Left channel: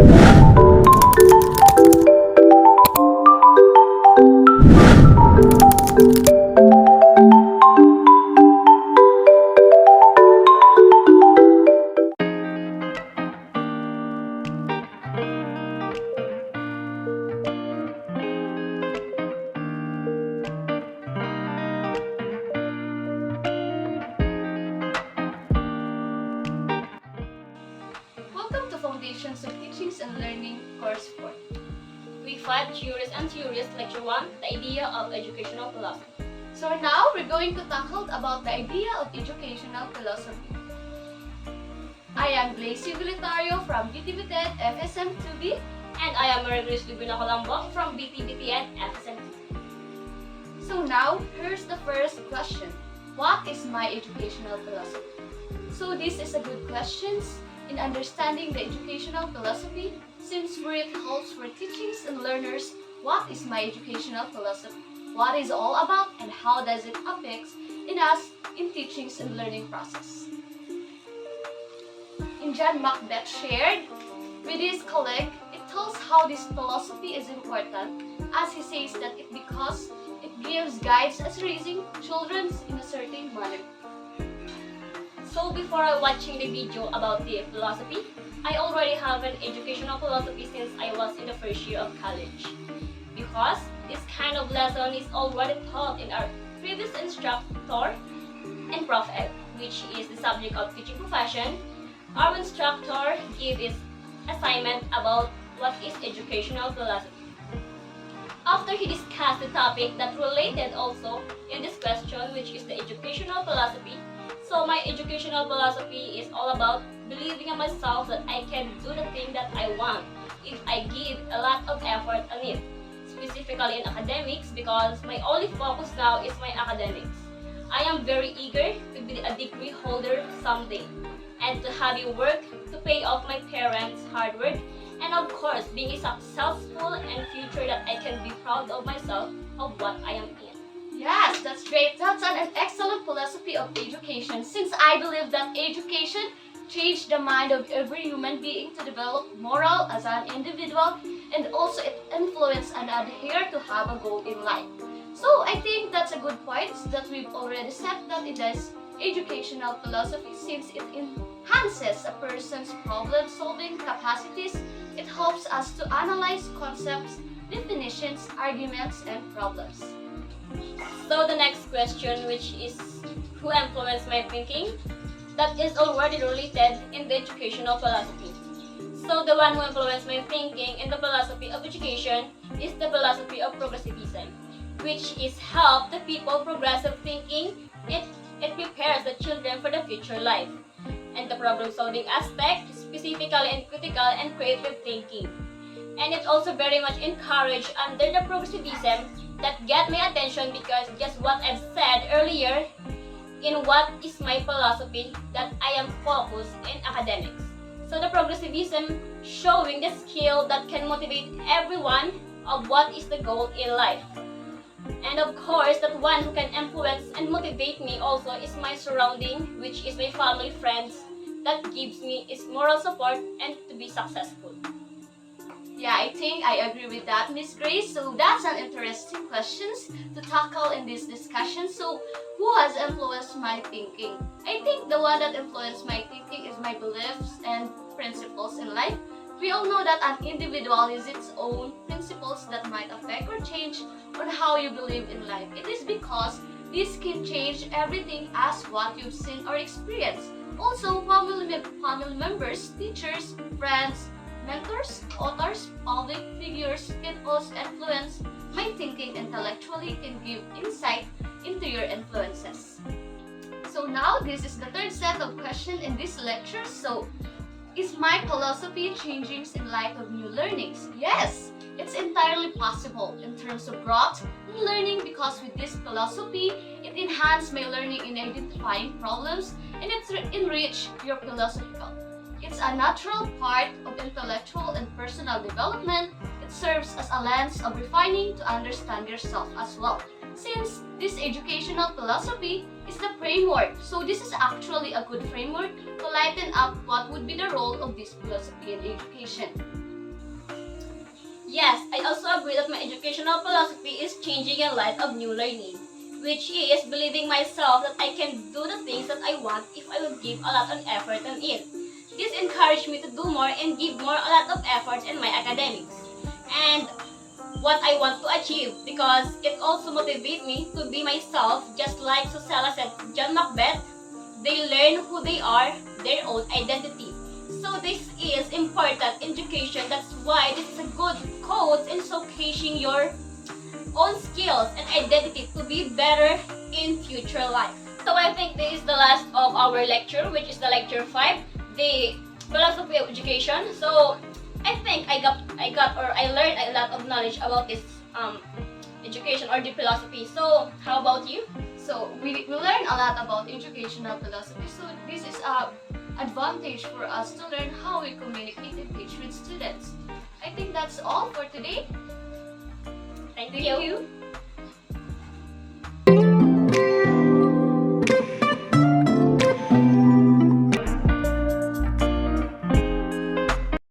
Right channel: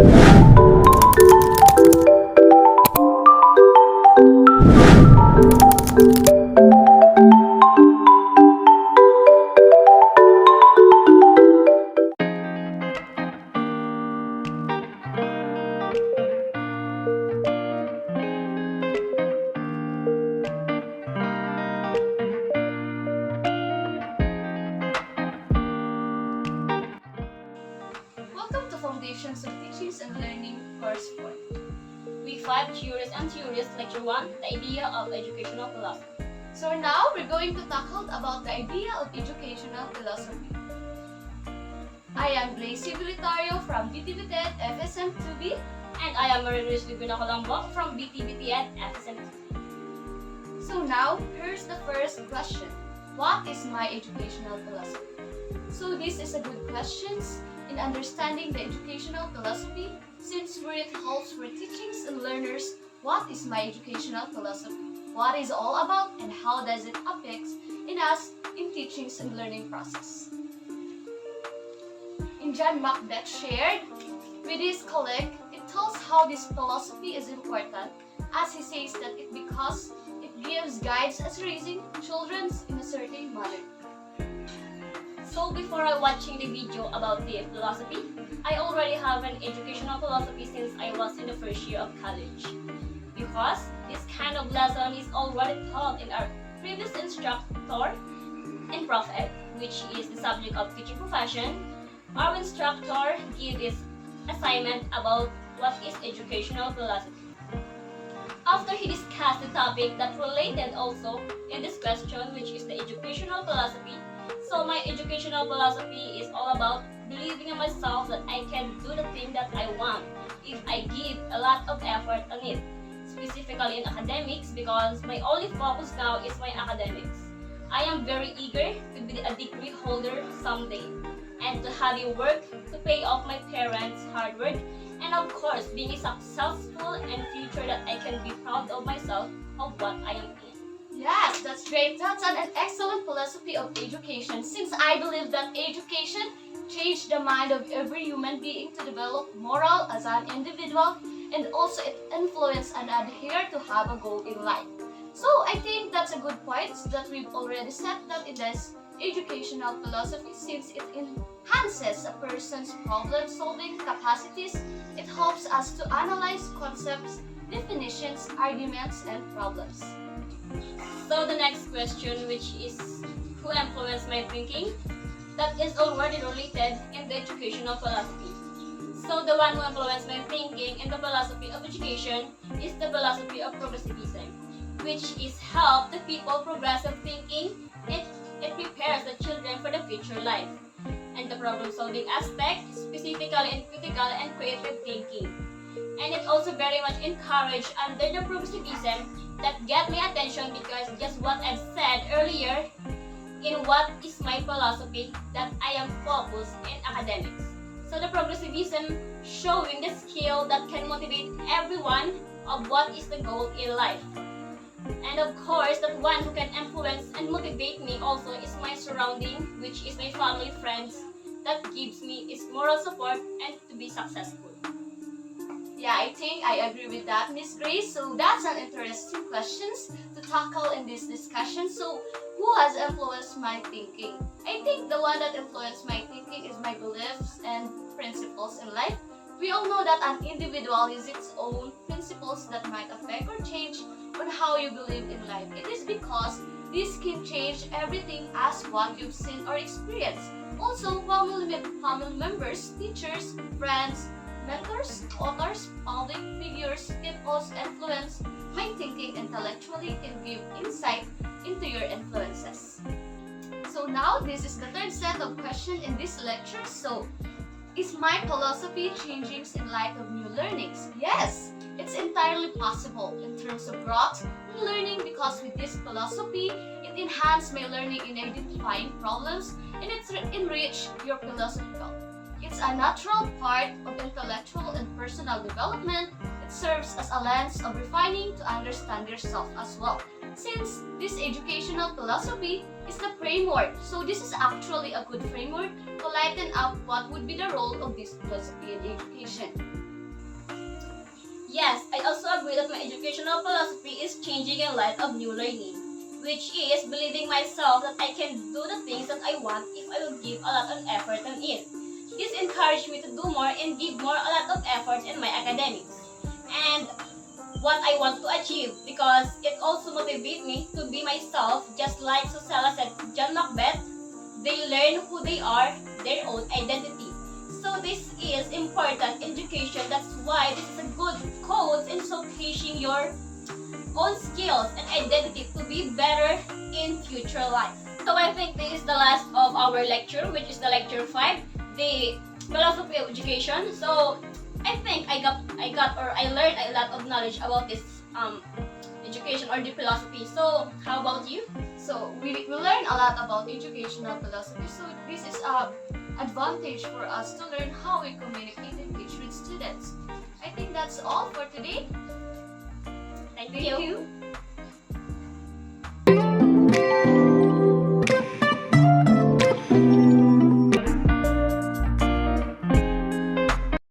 Welcome to Foundations of Teachings and Learning, Course 4. Week 5, Curious and Theories, Lecture 1, The Idea of Educational Philosophy. So now we're going to tackle about the idea of educational philosophy. I am Glacy Vilitario from BTBTED FSM 2B, And I am Maria Grace Divina Colombo from BTBTN FSM. So now, here's the first question. What is my educational philosophy? So this is a good question in understanding the educational philosophy, since where it calls for teachings and learners, what is my educational philosophy? What is all about and how does it affect in us in teachings and learning process? In John Macbeth shared with his colleague, it tells how this philosophy is important, as he says that it because it gives guides as raising children in a certain manner. So before watching the video about the philosophy, I already have an educational philosophy since I was in the first year of college. Because this kind of lesson is already taught in our previous instructor and Prof Ed, which is the subject of teaching profession. Our instructor gave this assignment about what is educational philosophy. After he discussed the topic that related also in this question, which is the educational philosophy, so my educational philosophy is all about believing in myself that I can do the thing that I want if I give a lot of effort on it, specifically in academics, because my only focus now is my academics. I am very eager to be a degree holder someday and to have a work to pay off my parents' hard work, and of course being successful and future that I can be proud of myself of what I am in. Yes, that's great. That's an excellent philosophy of education, since I believe that education changed the mind of every human being to develop moral as an individual, and also it influence and adhere to have a goal in life. So I think that's a good point that we've already said that it is educational philosophy, since it enhances a person's problem-solving capacities. It helps us to analyze concepts, definitions, arguments, and problems. So the next question, which is who influenced my thinking, that is already related in the educational philosophy. So the one who influenced my thinking in the philosophy of education is the philosophy of progressivism, which is help the people progressive thinking. It prepares the children for the future life and the problem-solving aspect, specifically in critical and creative thinking. And it also very much encouraged under the progressivism that get my attention, because just what I've said earlier in what is my philosophy, that I am focused in academics. So the progressivism showing the skill that can motivate everyone of what is the goal in life. And of course, that one who can influence and motivate me also is my surrounding, which is my family, friends, that gives me its moral support and to be successful. Yeah, I think I agree with that, Miss Grace. So that's an interesting questions to tackle in this discussion. So who has influenced my thinking? I think the one that influenced my thinking is my beliefs and principles in life. We all know that an individual has its own principles that might affect or change on how you believe in life. It is because this can change everything as what you've seen or experienced. Also, family members, teachers, friends, mentors, authors, public figures can also influence my thinking intellectually, can give insight into your influences. So now this is the third set of questions in this lecture. So, is my philosophy changing in light of new learnings? Yes, it's entirely possible in terms of growth in learning, because with this philosophy, it enhances my learning in identifying problems and it's enrich your philosophical. It's a natural part of intellectual and personal development. It serves as a lens of refining to understand yourself as well. Since this educational philosophy is the framework, so this is actually a good framework to lighten up what would be the role of this philosophy in education. educational philosophy is changing in light of new learning, which is believing myself that I can do the things that I want if I will give a lot of effort on it. This encouraged me to do more and give more a lot of effort in my academics and what I want to achieve, because it also motivates me to be myself, just like Susella said, John Macbeth, they learn who they are, their own identity. So this is important education. That's why this is a good quote in showcasing your own skills and identity to be better in future life. So I think this is the last of our lecture, which is the lecture 5, the philosophy of education. So I think I learned a lot of knowledge about this education or the philosophy. So how about you? So we learn a lot about educational philosophy. So this is a advantage for us to learn how we communicate and teach with students. I think that's all for today. Thank Thank you. you.